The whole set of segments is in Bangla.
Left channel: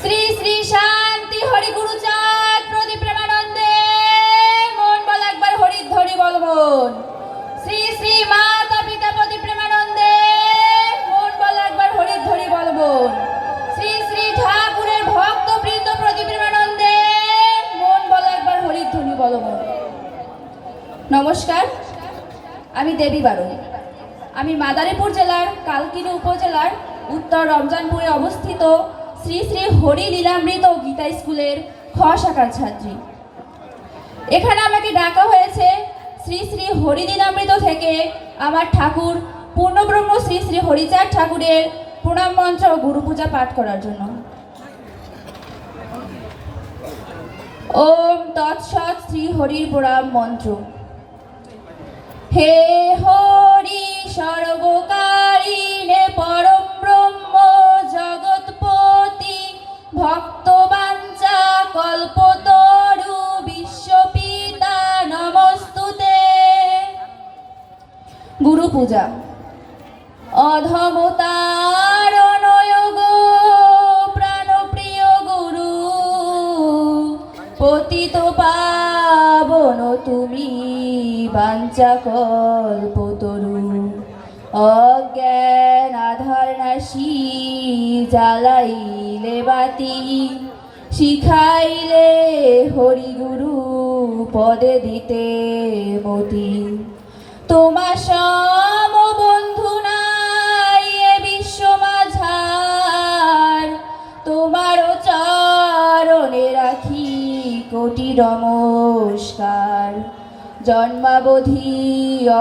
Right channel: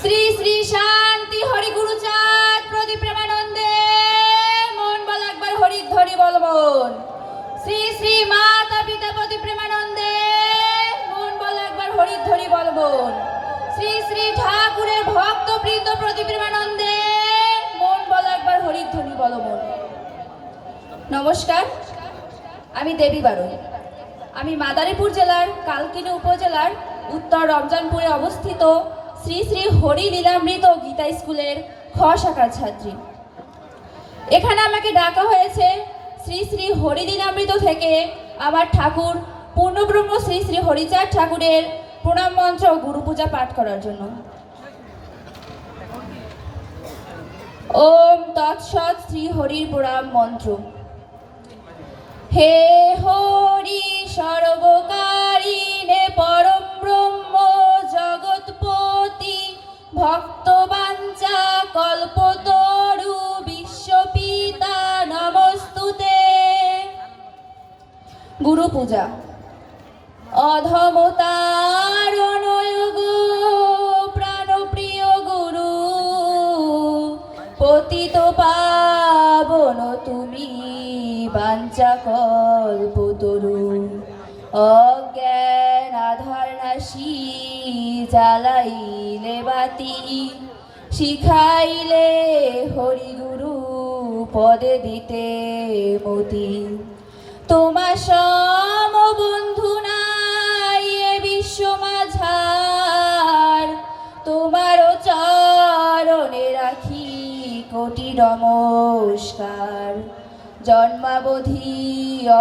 শ্রী শ্রী শান্তি হরি গুরুচাঁদ প্রতি প্রেমানন্দে। মন বল একবার হরি ধরি বল মন। শ্রী শ্রী মাতা পিতা প্রতি প্রেমানন্দে। মন বল একবার হরি ধরি বল মন। শ্রী শ্রী ঠাকুরের ভক্ত বৃন্দ প্রতি প্রেমানন্দে। মন বল একবার হরি ধরি বল মন। নমস্কার, আমি দেবী বারুই আমি মাদারীপুর জেলার, কালকিনি উপজেলার উত্তর রমজানপুরে অবস্থিত শ্রী শ্রী হরি লীলামৃত গীতা স্কুলের খ শাখার ছাত্রী। এখানে আমাকে ডাকা হয়েছে শ্রী শ্রী হরি লীলামৃত থেকে আমার ঠাকুর পূর্ণব্রহ্ম শ্রী শ্রী হরিচাঁদ ঠাকুরের প্রণাম মন্ত্র ও গুরু পূজা পাঠ করার জন্য। ওম তৎসৎ শ্রী হরির প্রণাম মন্ত্র। হে গুরু পূজা। অধমতারণয়োগ প্রাণপ্রিয় গুরু, পতিত পাবন তুমি বাঞ্চা কল্পতরু অজ্ঞান আধার নাশি জ্বালাইলে বাতি, শিখাইলে হরি গুরু পদে দিতে মতি। নমস্কার। জন্মাবধি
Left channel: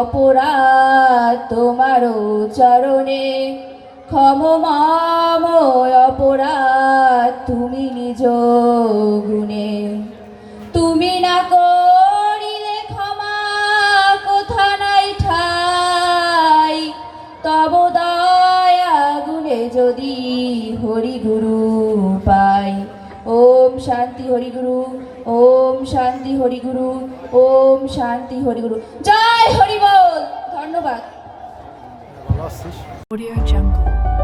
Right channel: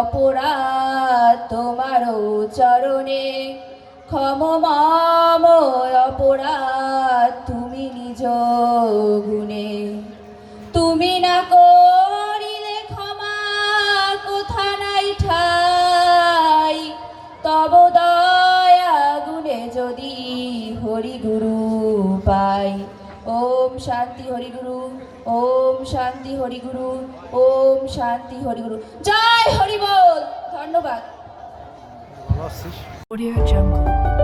অপরাধ তোমার চরণে। ক্ষমমাম অপরাধ তুমি নিজ গুণে। তুমি না করিলে ক্ষমা কোথা নাই ঠাই। তব দয়া গুণে যদি হরিগুরু পাই। ওম শান্তি হরি গুরু ওম শান্তি হরিগুরু ওম শান্তি হরিগুরু জয় হরিবল ধন্যবাদ। Audio Jungle.